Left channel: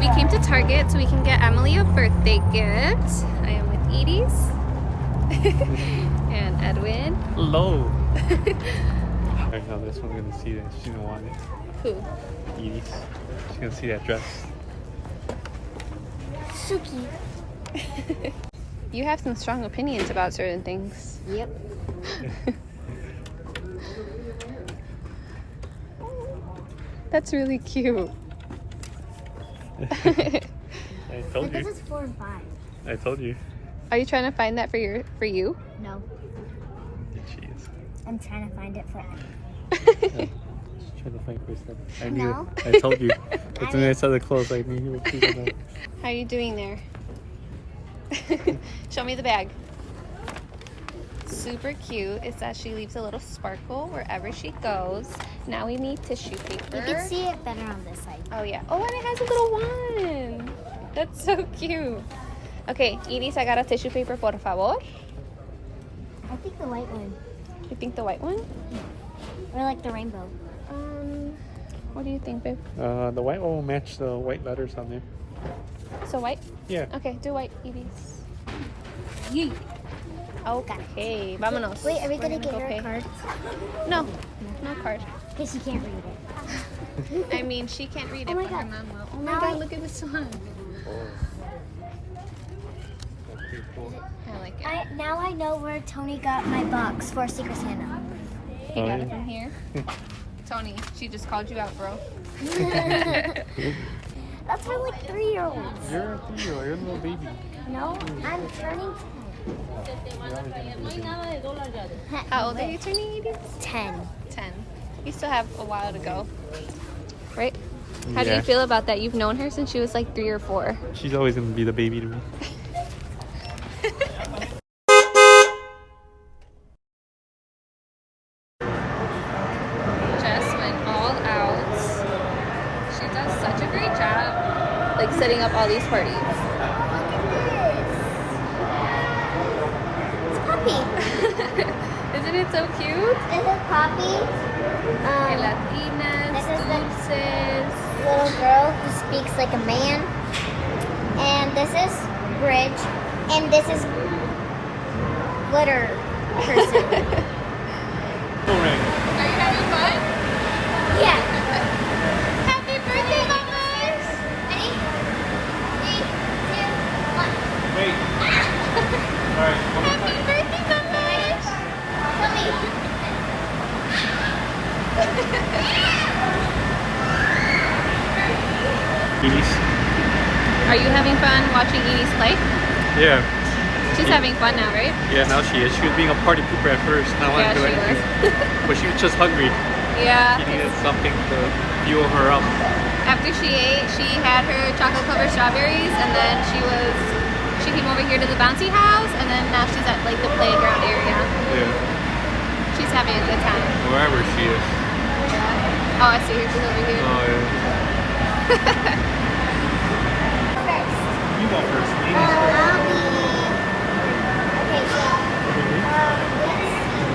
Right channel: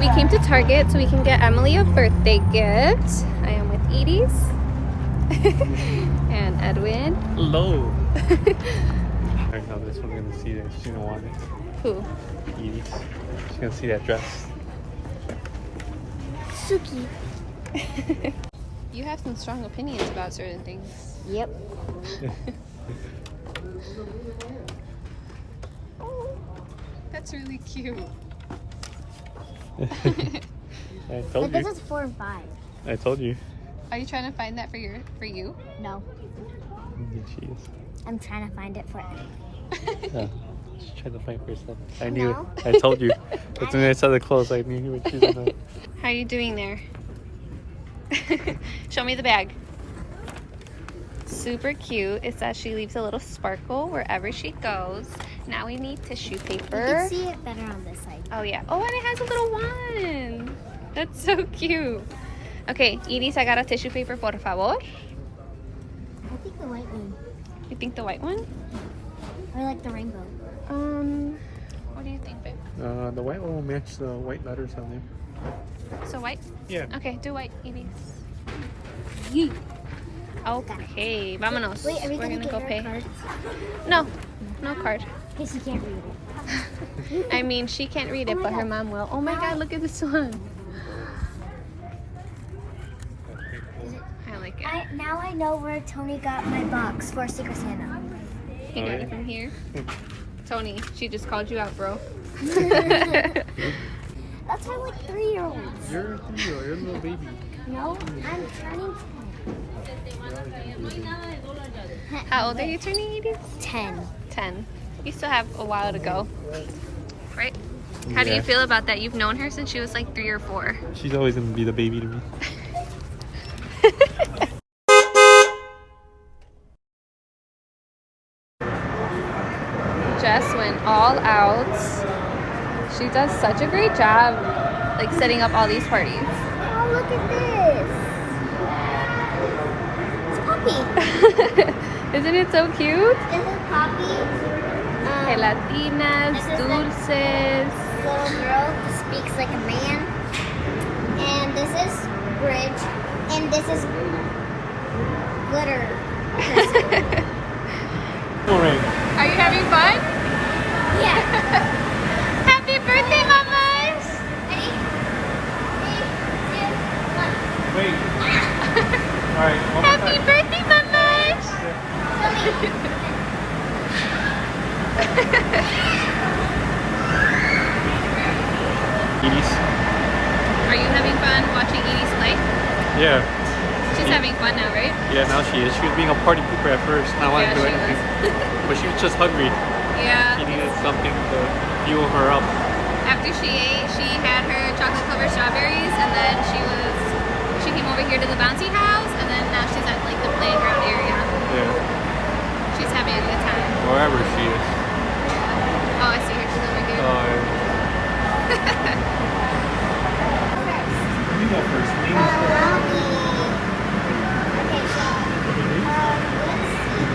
we came to Target so we can get Emily a birthday gift. I am with Edie's and Edwin. Hello. I know this one's gonna see that. She's gonna want it. Who? Edie. She's gonna see that dress. Suki. You have some strong opinions about certain things. Yep. That's really cute. I told But this you. is 4 and 5. I told you. Are you trying to find that for you? No, Yeah, she is. I'm trying to find it for Yeah. She's trying to find for a second. I knew No. it. I told you. As soon as I saw the clothes, I knew you were choosing that. How are you doing there? Show me the bag. Super cute. It says she leaves a little sparkle wherever she goes. Now we need tissue You paper. can see it better on this side. Oh yeah. Oh, and it has a little one. That's so cute. Okay, Edie, sacar tissue paper, por favor. I think the white one. You think the white one? Or like the rainbow. What do you think, babe? The white one will match the white letters on there. So white? Yeah. Okay, do white, Edie. Yee. Okay, vámonos. Wait, are we We're gonna get go her pay. a card? No, no card. Because she can't read it. I mean, she can't read it, Oh my but her God. mom will. Oh my Now God, I- look at this one. I like it. Now I know where Tony got my box for Secret Santa. He got it from here. Tony, she just called you out, bro. That's for like 3-year-olds. You're a 3-year-old. You're a little baby. No, I'm turning How old are you turning, Edie? 10. 10. You still have a while to go, right? How do Yeah. you feel about that? You've known her since she was like 3 or 4. She's always gonna be the baby to me. Jess went all out. She does such a great job, like setting up all these parties. Oh, look at this. It's Poppy. Isn't it so cute? This is Poppy. Gelatinas, this is the- dulces. Little girl who speaks like a man. And this is Bridge. And this is Glitter person. Are you having fun? Yeah. Happy birthday, mamas! Ready? 3, 2, 1. Wait. Ah! Alright, Happy birthday, mamas! Edie's. Are you having fun watching Edie's play? Yeah. She's having fun now, right? Yeah, now she is. She was being a party pooper at first. Now Yeah, I'm doing she anything. But she was just hungry. Yeah. She needed something to fuel her up. After she ate, she had her chocolate covered strawberries, and then she came over here to the bouncy house, and then now she's at like the playground area. Yeah. She's having a good time. Wherever she is. Yeah. Oh, I see her. She's over here. Oh, yeah. You go first. Ladies first. I'll be... Okay, so... let's see.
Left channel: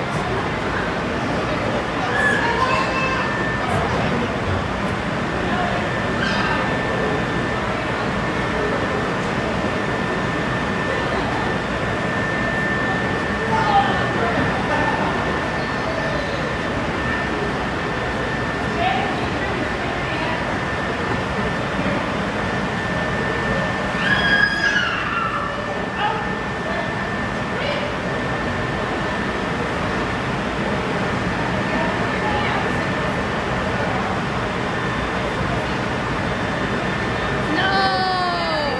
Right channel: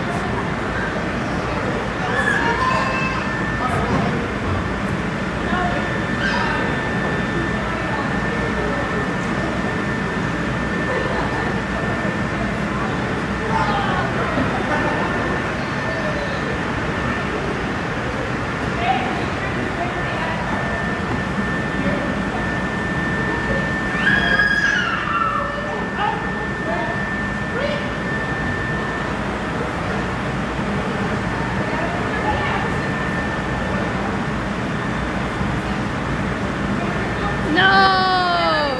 No!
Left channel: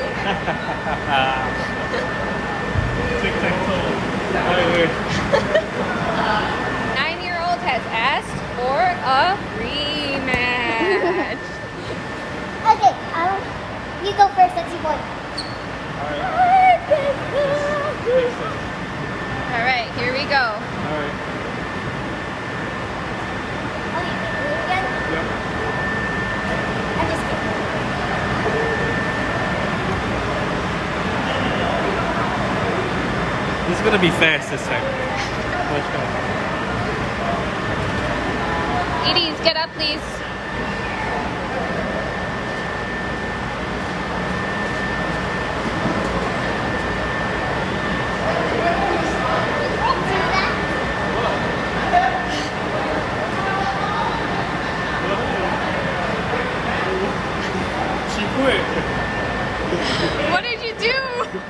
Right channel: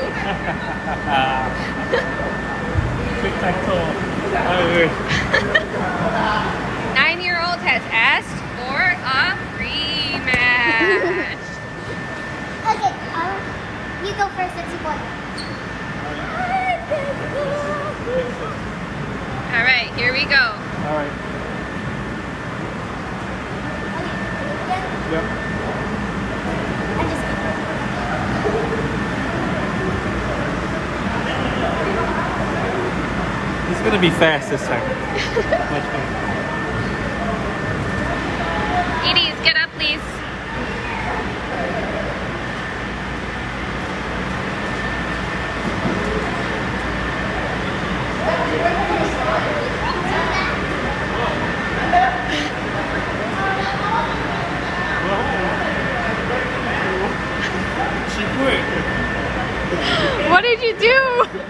Tic-tac-toe. Wait. 9-year-old has asked for a rematch. Okay, you go first. Let's see what. Alright. Fix it. All right, here we go. Alright. Okay, again. Yep. I'm just kidding. This is gonna be fast this time. Much faster. Edie, get up, please.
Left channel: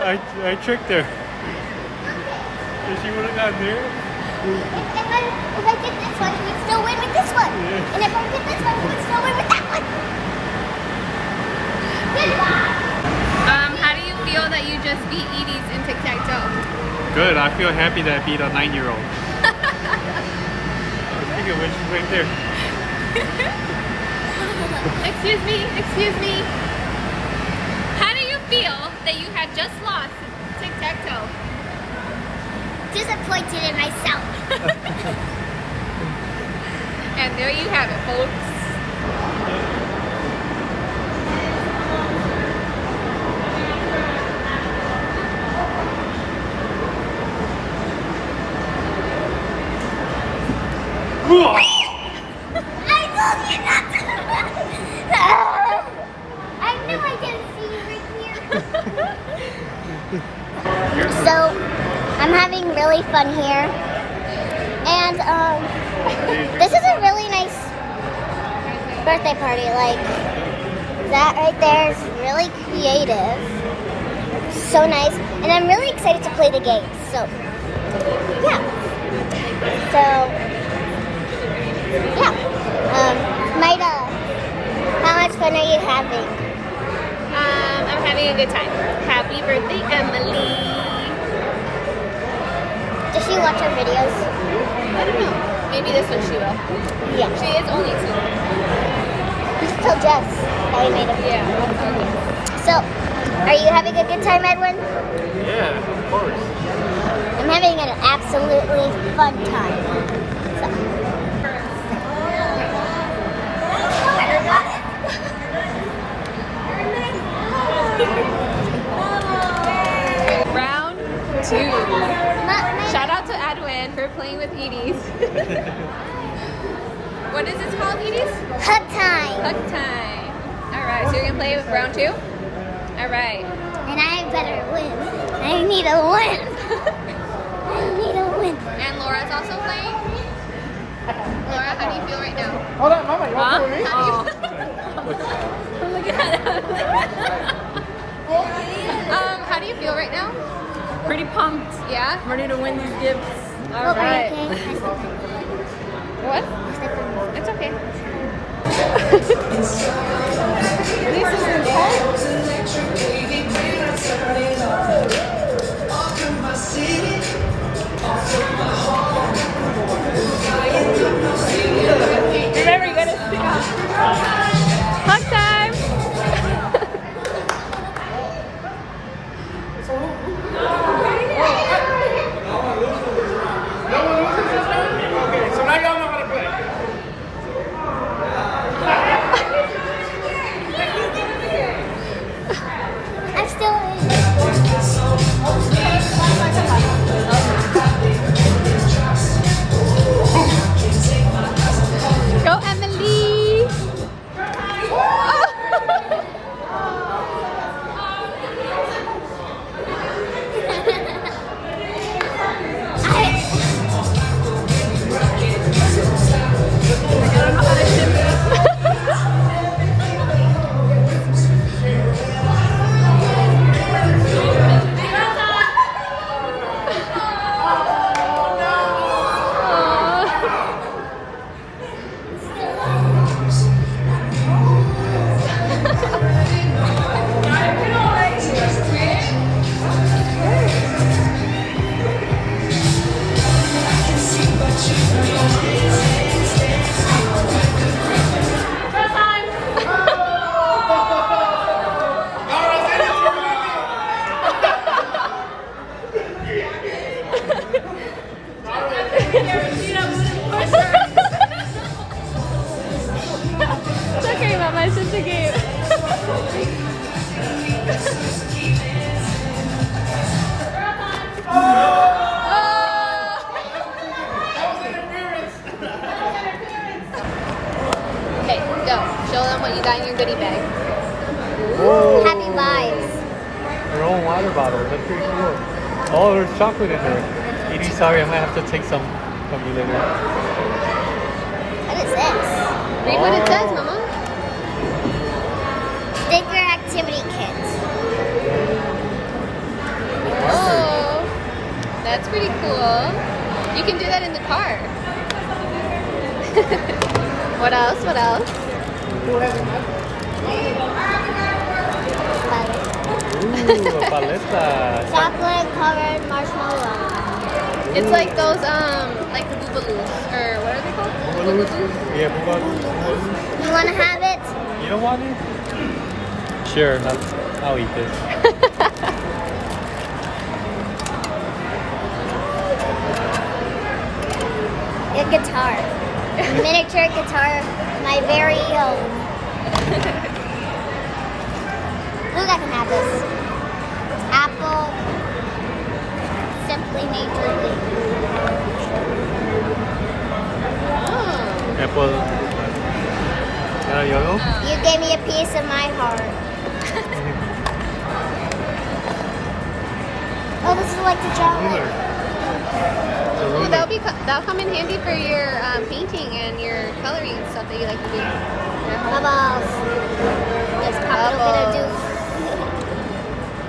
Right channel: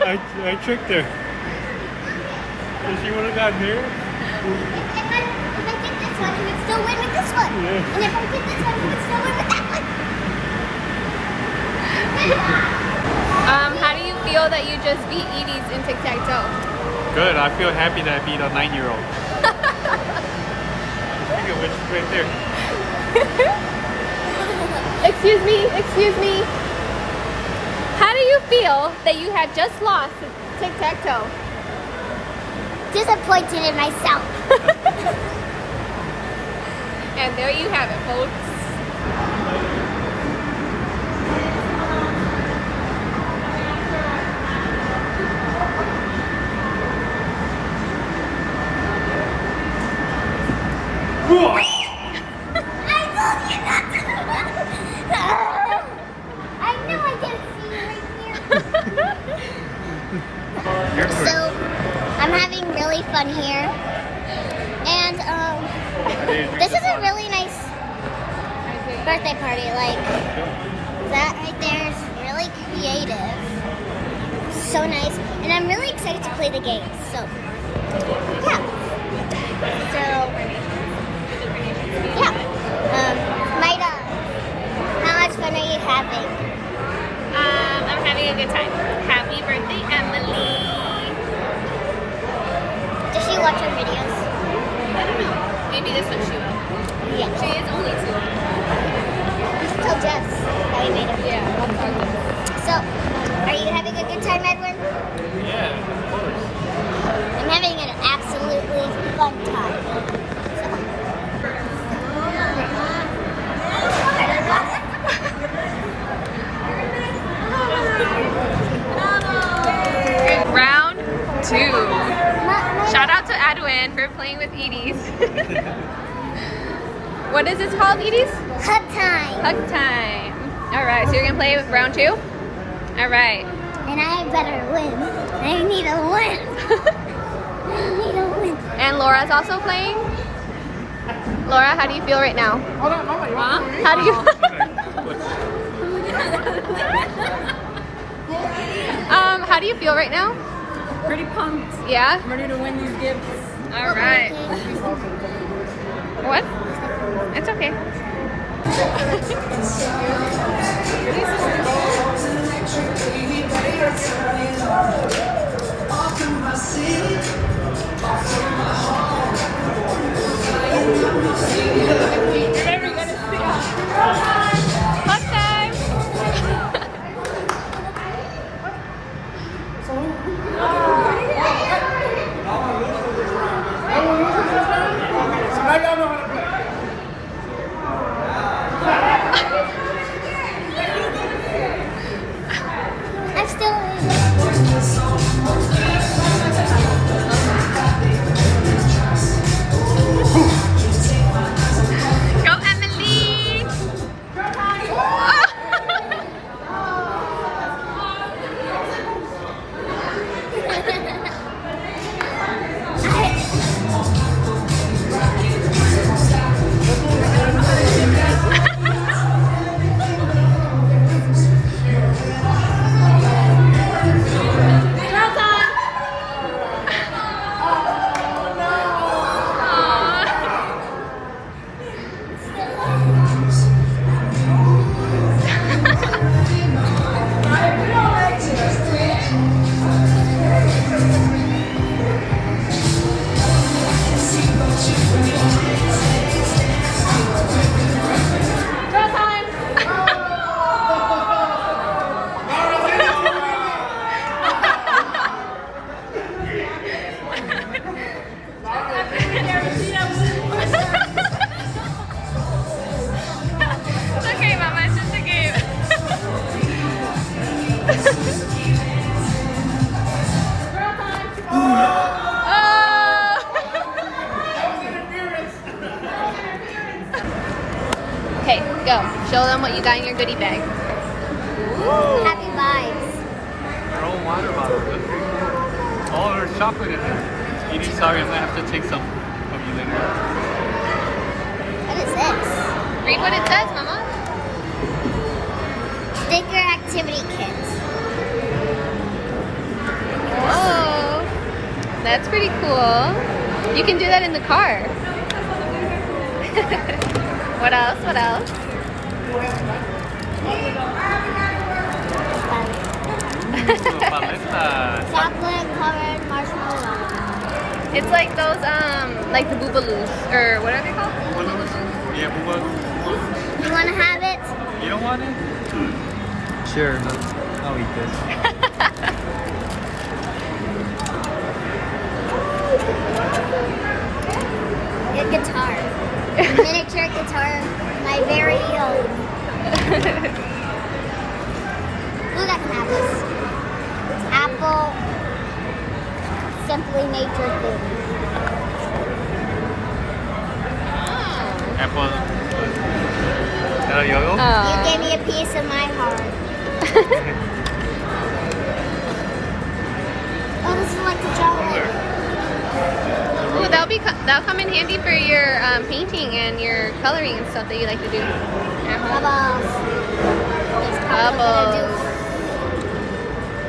I tricked her. If she would have gotten there. If I did this one, he would still win with this one. Yeah. And if I did this one, he would still win with that one. How do you feel that you just beat Edie's in tic-tac-toe? Good. I feel happy that I beat a 9-year-old. Speaking of which, she's right there. Excuse me. How do you feel that you have just lost tic-tac-toe? Disappointed in myself. And there you have it, folks. I told you not to. I knew I didn't see you right here. So, I'm having really fun here. And, this is a really nice birthday party. Like, that right there is really creative. So nice. And I'm really excited to play the game. So, yeah. How much fun are you having? I'm having a good time. Happy birthday, Emily. Does she watch our videos? I don't know. Maybe this one she will. Yeah. She is only 2. You still dress. I made it. Yeah, I'll tell you. So, are you having a good time, Edwin? Yeah, of course. I'm having an absolutely fun time. So, Round 2. my Shout out to Edwin for playing with Edie's. What is this called, Edie's? hug time. Hug time. Alright, so you're gonna play with round 2? Alright. And I better win. I need a win. I need a win. And Laura's also playing? Laura, how do you feel right now? Huh? How do you how do you feel right now? Pretty pumped. Yeah? I'm ready to win these gifts. Alright. What? It's okay. Remember, you gotta sit out. Hug time! So now y'all know how to play. I'm still in. Go, Emily! It's okay, Mama. It's just a game. Okay, go. Show them what you got in your goodie bag. Happy vibes. Her own water bottle. All her chocolate in there. Edie, sorry, I'm gonna have to take some of you later. What is this? Read what it says, Mama. Sticker activity kit. That's pretty cool. You can do that in the car. What else? What else? Paleta. Chocolate covered marshmallow. It's like those, like the Boobaloos, or what are they called? Yeah, You want to have it? you don't want it? Sure, I'll eat this. A guitar. A miniature guitar. My very own. Look, I can have this. It's Apple. Simply Nature thing. Apple. Yo-yo? You gave me a piece of my heart. Oh, this is like the chocolate. Ooh, that'll come in handy for your painting and your coloring and stuff that you like to do. Bubbles. It's probably gonna do.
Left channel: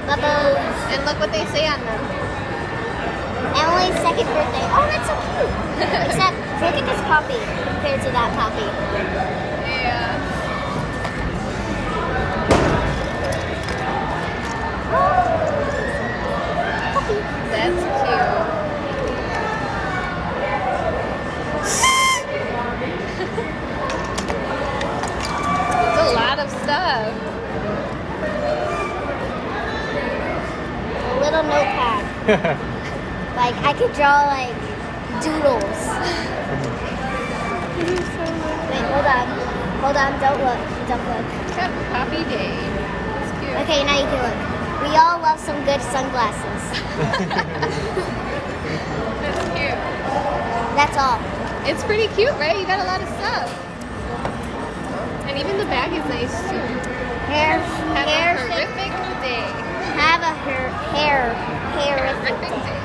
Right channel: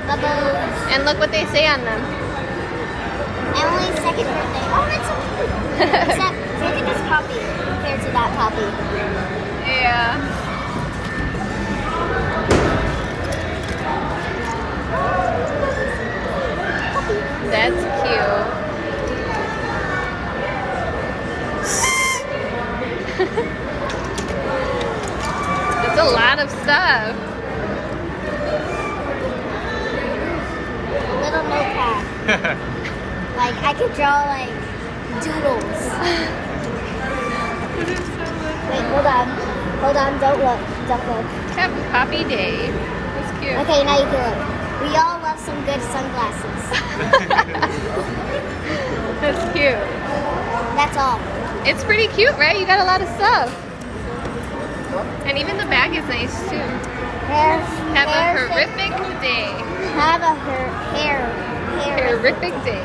Bubbles. And look what they say on them. Emily's second birthday. Oh, that's so cute. Except, look at this puppy compared to that puppy. Yeah. Puppy. That's cute. That's a lot of stuff. A little notepad. Like, I could draw, like, doodles. Wait, hold on. Hold on, don't look. Don't look. Poppy Day. That's cute. Okay, now you can look. We all love some good sunglasses. That's cute. That's all. It's pretty cute, right? You got a lot of stuff. And even the bag is nice too. Hair. Have a horrific day. Have a hair. Horrific day.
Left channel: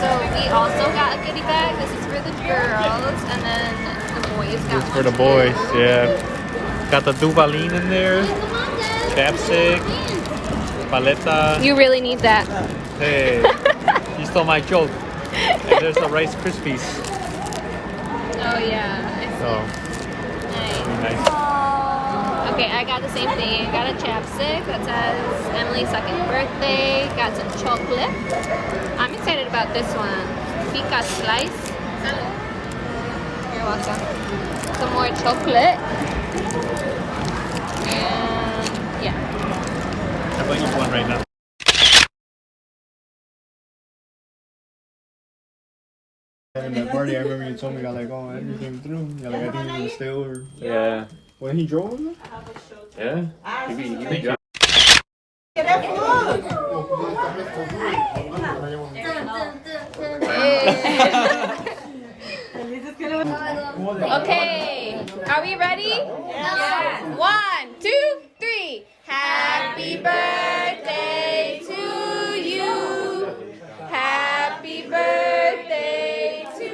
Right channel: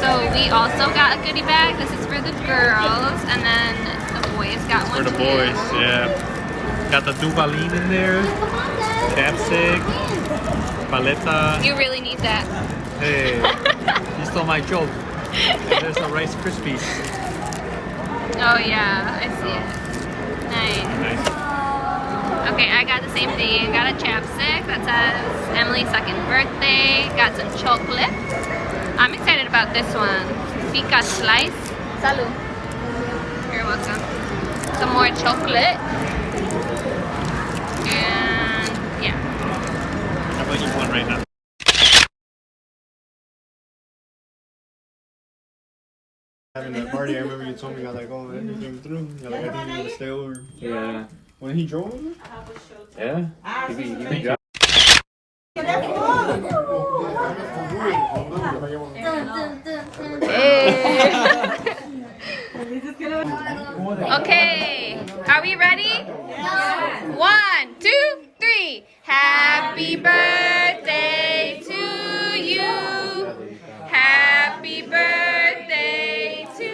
So we also got a goodie bag. This is for the girls, and then the boys got one For the too. boys, yeah. Got the Duvalin in there. Come on, guys. Chapstick. Paleta. You really need that. Hey, you stole my joke. And there's a Rice Krispies. Oh yeah, I see it. Nice. Okay, I got the same thing. Got a chapstick that says Emily's second birthday. Got some chocolate. I'm excited about this one. Pica slice. Salud. You're welcome. Some more chocolate. And yeah. I just want right now. Having that party, I remember you told me, like, oh, Edgar came through. You're like, I think he's gonna stay over. Yeah. When he drove him? Yeah. He be driving. Okay, are we ready? 1, 2, 3. Happy birthday to you. Happy birthday to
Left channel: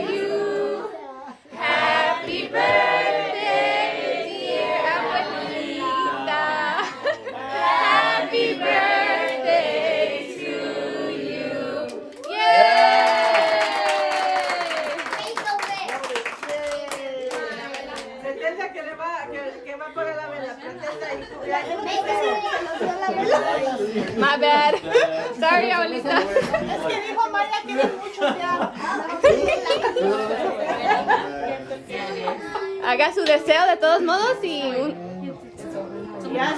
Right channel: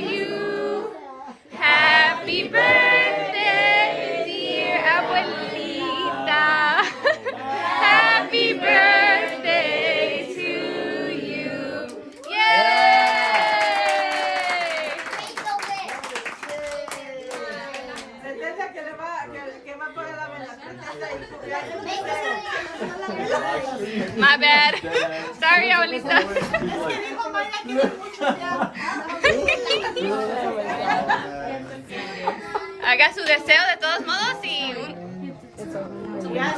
you. Happy birthday, dear abuelita. Happy birthday to you. Yay! My bad. Sorry, abuelita. Haga su deseo de todos modos y... Yeah.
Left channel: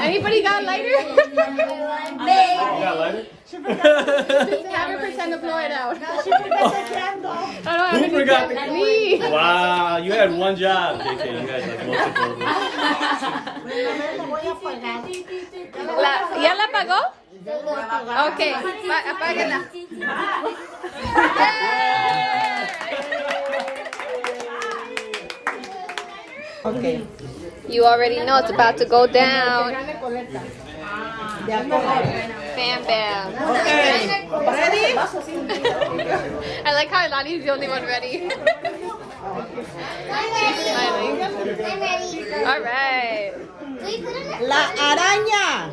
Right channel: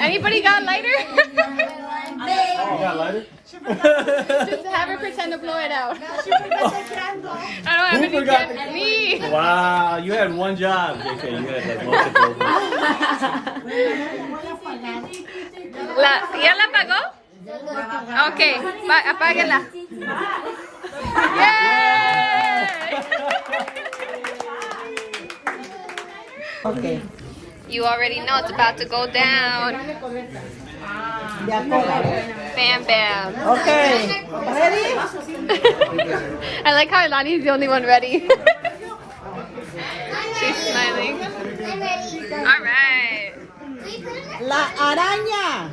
Anybody got a lighter? You got a lighter? Just have her pretend to blow it out. I don't have any candles. Me. Wow, you had one job, JK. You guys had multiple. ¿Ya la apagó? Ok, apáguela. Yay! Okay. You already know it's about to go down. Bam, bam. Okay. Ready? I like how Ilani's the only one ready. She's smiling. I'm ready. All right. 3, we put it in? La araña.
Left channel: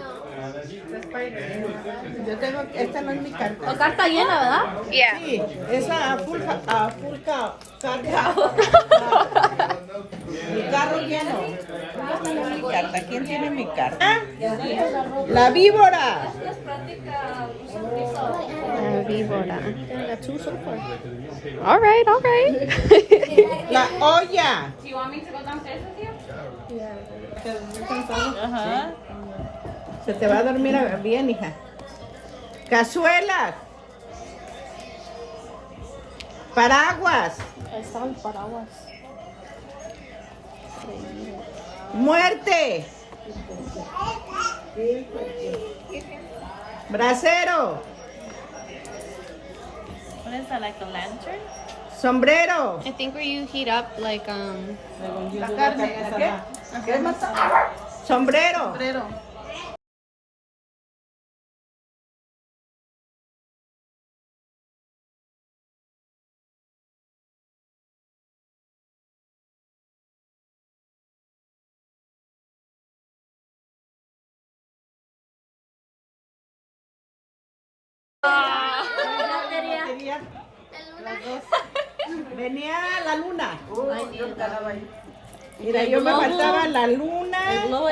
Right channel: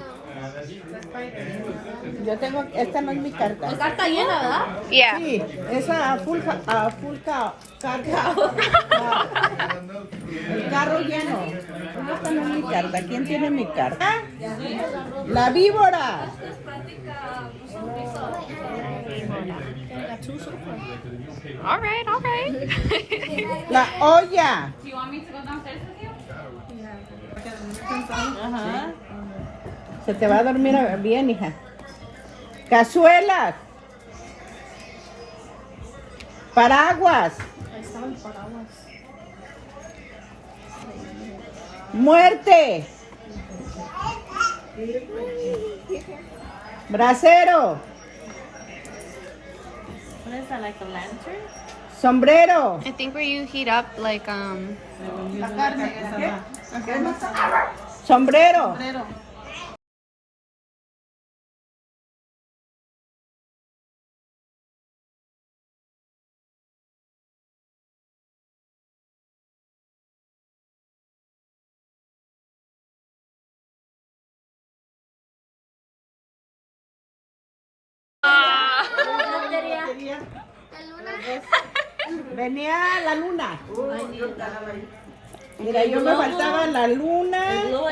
Yo tengo, esta no es mi carta. La carta llena, ¿verdad? Yeah. Sí, esa a full cargado. El carro lleno. Esta no es mi carta. ¿Quién tiene mi carta? La víbora. All right, all right. La olla. Do you want me to go downstairs with you? Ajá. Se te va a dormir bien, hija. Cazuelas. Paraguas. Muerte. Brasero. What is that, like a lantern? Sombrero. I think where you heat up, like, Sombrero. Venía la luna. Mira, yo me faltaba la luna y el globo.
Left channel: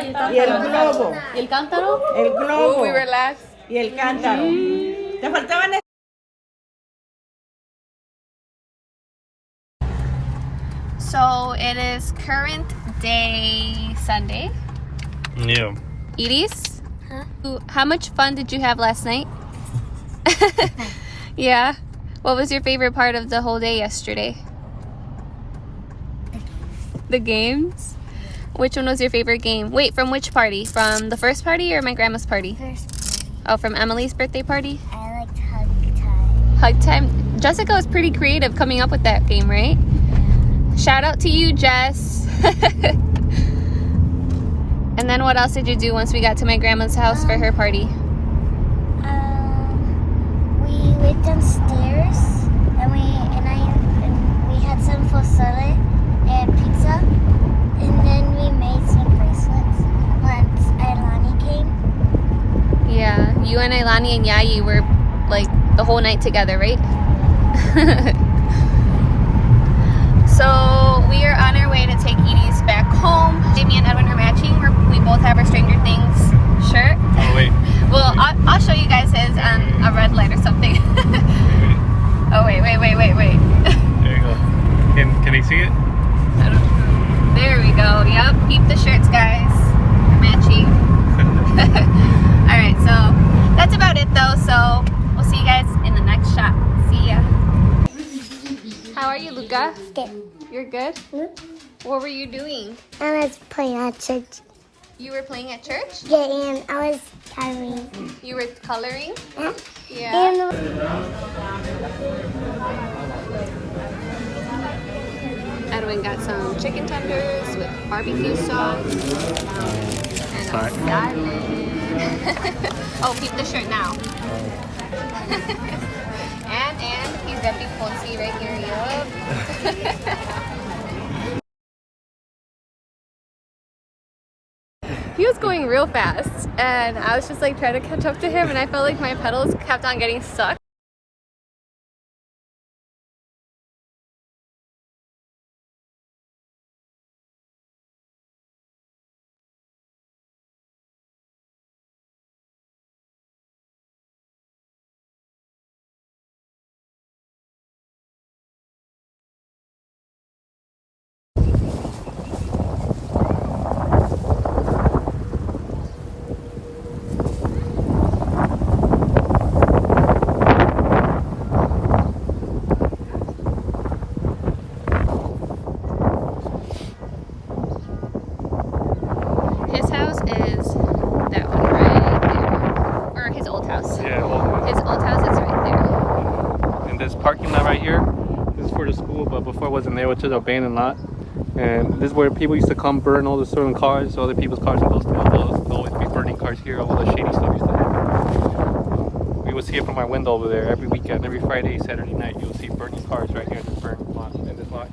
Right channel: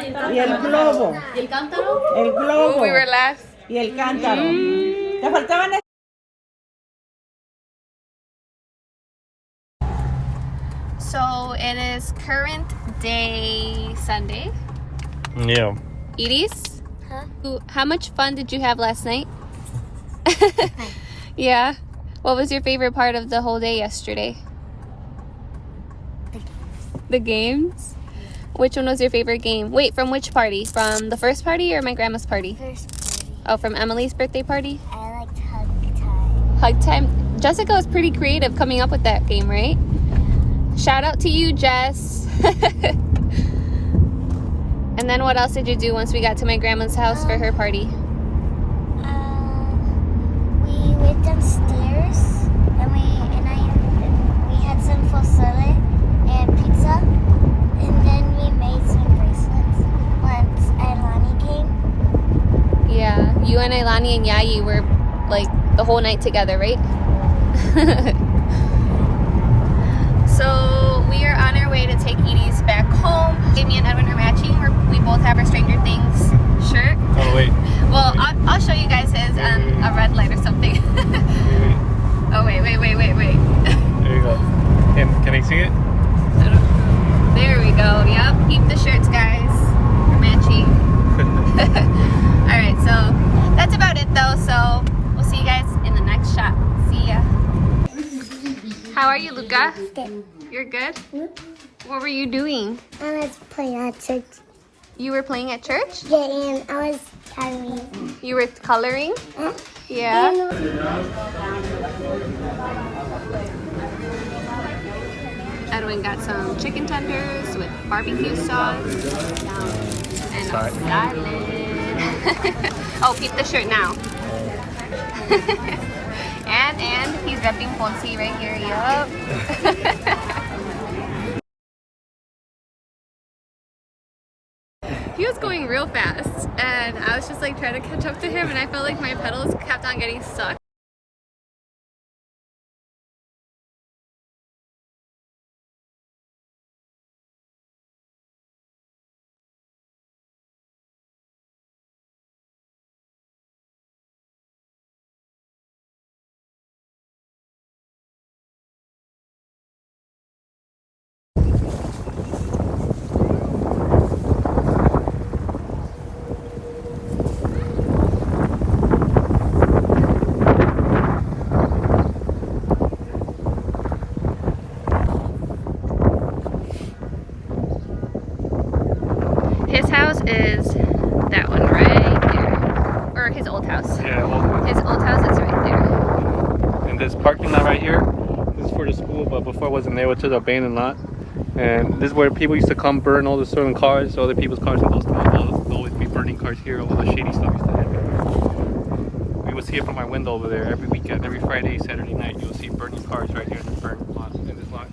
¿Y el cántaro? El globo. We were last. Y el cántaro. Me faltaban. So it is current day Sunday. Yeah. Edie's? Huh? How much fun did you have last night? Yeah. What was your favorite part of the whole day yesterday? The games? Yeah. Which one was your favorite game? Wait, from which party? From the first party or my grandma's party? First party. Oh, from Emily's birthday party? I liked hug time. Hug time. Jessica was pretty creative coming up with that game, right? Yeah. Shout out to you, Jess. And then what else did you do once we got to my grandma's house for her party? We went downstairs and we had some salad and pizza, and then we made some bracelets once Ailani came. Yeah, you and Ailani and Yayi were like the whole night together, right? So we are on our way to take Edie's back home. Jamie and Edwin are matching. We both have our Stranger Things shirt. Oh wait. Well, I'll show you guys his on a red light or something. Oh wait. There you go. Can I see it? There we go. Yep. Keep the shirts, guys. They're matching. Alright, so that's about it though. So we'll see you guys in the next shot. See ya. How are you, Luca? Good. You're good? What were you doing? I was playing at church. You were playing at church? Yeah, and I was coloring. You were coloring? Huh? Yeah. Edwin got some chicken tenders with barbecue sauce and a salad. Oh, keep the shirt now. and he's repping Fonzie right here. Yup. He was going real fast, and I was just like trying to catch up to him, and I felt like my pedals kept on getting stuck. His house is that one right there. Or his old house. Yeah. His old house is right there. And this parking lot right here, this is for the school, but before it wasn't there, it was just an abandoned lot. And this is where people used to come burn all the stolen cars, other people's cars and those stolen cars. We'll always be burning cars here, all the shady stuff used to happen. We would see it from our window over there every weekend, every Friday, Saturday night. You'll see burning cars right here in this burnt lot, in this lot.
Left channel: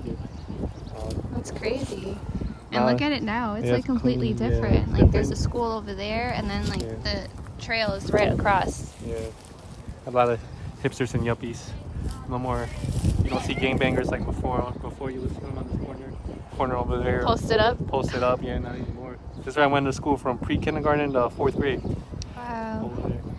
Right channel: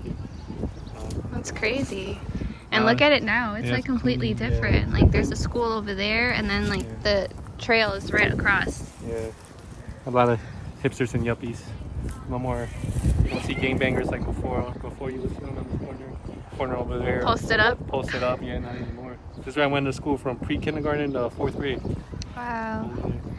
That's crazy. And look at it now. It's Yeah, like completely yeah. different. Like there's a school over there, and then like the trail is right across. Yeah. A lot of hipsters and yuppies. No more. You don't see gangbangers like before. Before you would see them on this corner over there. Posted up. Posted up. Yeah, not anymore. This is where I went to school from pre-kindergarten to 4th grade. Wow.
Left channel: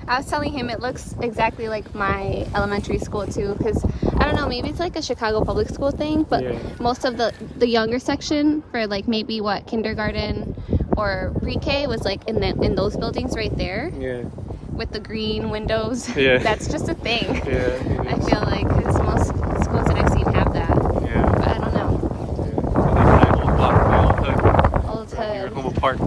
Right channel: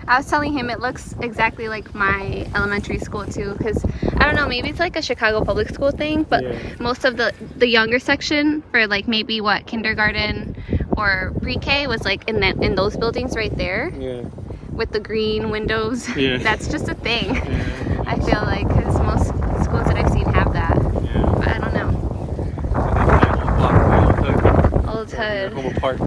I was telling him it looks exactly like my elementary school too, because I don't know, maybe it's like a Chicago public school thing, but Yeah. most of the younger section for like maybe what kindergarten or pre-K was like in those buildings right there Yeah. with the green windows. Yeah. That's just a thing. Yeah. I feel like because most schools that I've seen have that. Yeah. But I don't know. Yeah. Old Hood. Little park.